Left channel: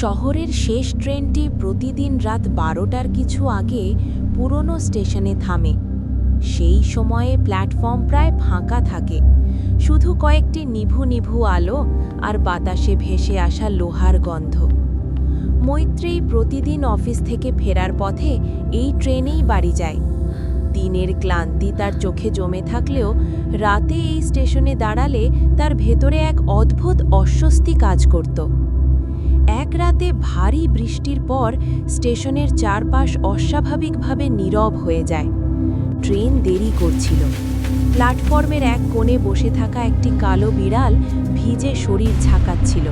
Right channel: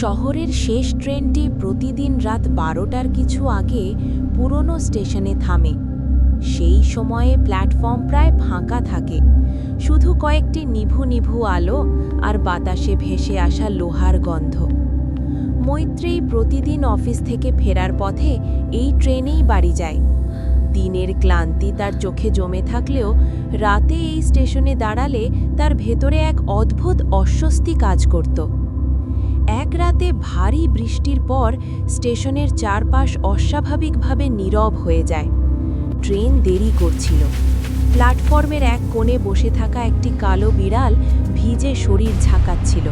শহরের শেষ ট্রেনটি প্রতিদিন রাত 12টার কিছু আগে পুরনো স্টেশনে থামে। সেই সময়ে প্ল্যাটফর্ম প্রায় ফাঁকা থাকে, শুধু কয়েকটি নিভু নিভু আলো আর বাতাসে ভেসে আসা লোহার গন্ধ। মৈত্রেয়ী প্রতিদিন অফিস থেকে ফেরার পথে এই ট্রেনেই বাড়ি যায়। দিনের ক্লান্তি তার চোখে জমে থাকলেও রাতে এই স্টেশনে দাঁড়ালে তার ভেতরে এক অদ্ভুত অস্বস্তি কাজ করত। এক রাতে ভারী বৃষ্টির পর স্টেশনের চারপাশ অস্বাভাবিকভাবে নীরব হয়ে যায়। ট্রেন দেরি করছিল। প্ল্যাটফর্মের এক কোণে বসে থাকা একটি কালো বিড়াল ভিজে শরীর ঝাঁকাচ্ছিল।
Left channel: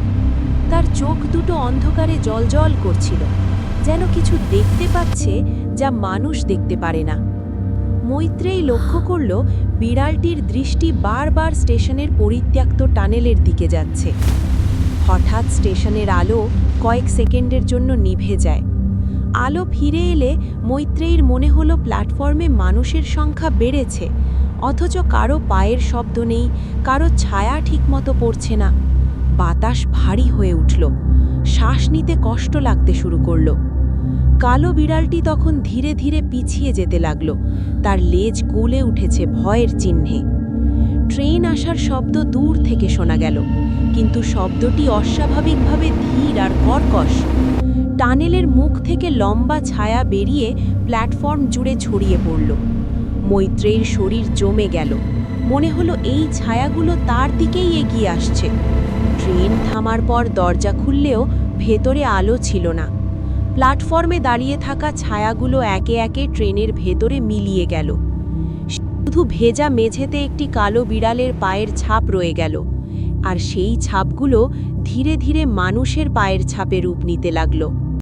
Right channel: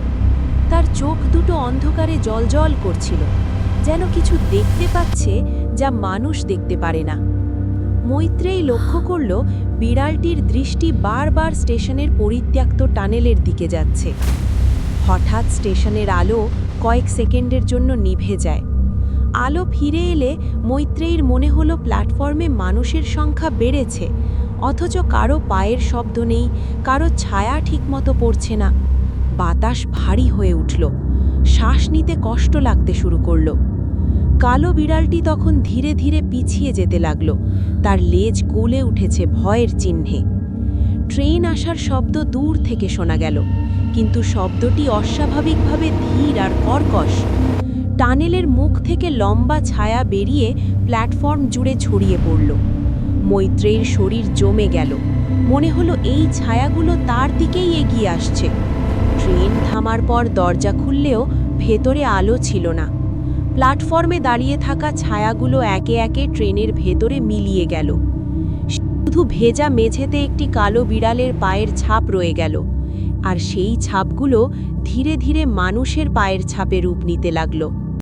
তার চোখ দুটো অন্ধকারে জ্বলজ্বল করছিল, যেন কিছু দেখতে পাচ্ছে যা মানুষ দেখতে পারে না। মৈত্রেয়ী লক্ষ্য করল বিড়ালটির দৃষ্টি বারবার স্টেশনের পরিত্যক্ত টানেলের দিকে যাচ্ছে। হঠাৎ স্টেশনের আলো কয়েক সেকেন্ডের জন্য নিভে যায়। আলো ফিরে এলে মৈত্রেয়ীর মনে হলো প্ল্যাটফর্মে মানুষের সংখ্যা বেড়েছে, অথচ কারো পায়ের শব্দ নেই, কারো ছায়া ঠিকমতো পড়ছে না। বাতাস ভারী হয়ে উঠল, শ্বাস নিতে কষ্ট লাগতে শুরু করল। কালো বিড়ালটি তখন ধীরে ধীরে পিছিয়ে যেতে লাগল, তার লেজ কুলে উঠেছে ভয়ের চিহ্নে। ট্রেন আসার শব্দ দূর থেকে শোনা গেল, কিন্তু শব্দটি অস্বাভাবিকভাবে ধীর আর কর্কশ। টানেলের মুখ থেকে লম্বা ছায়া বেরিয়ে প্ল্যাটফর্ম জুড়ে ছড়িয়ে পড়ল। মৈত্রেয়ীর শরীর জমে গেল, মনে হলো এই ছায়াগুলো তার দিকেই এগিয়ে আসছে। ট্রেন থামার পর দরজা খুললেও ভেতরে আলো ছিল না। প্ল্যাটফর্মে দাঁড়িয়ে থাকা ছায়াগুলো একে একে ট্রেনের ভেতরে মিলিয়ে গেল। শুধু ভেজা মেঝেতে একটি কালো বিড়ালের পায়ের ছাপ রয়ে গেল, আর সেই ছাপগুলো ধীরে ধীরে মানুষের পায়ের ছাপে রূপ নিতে লাগল।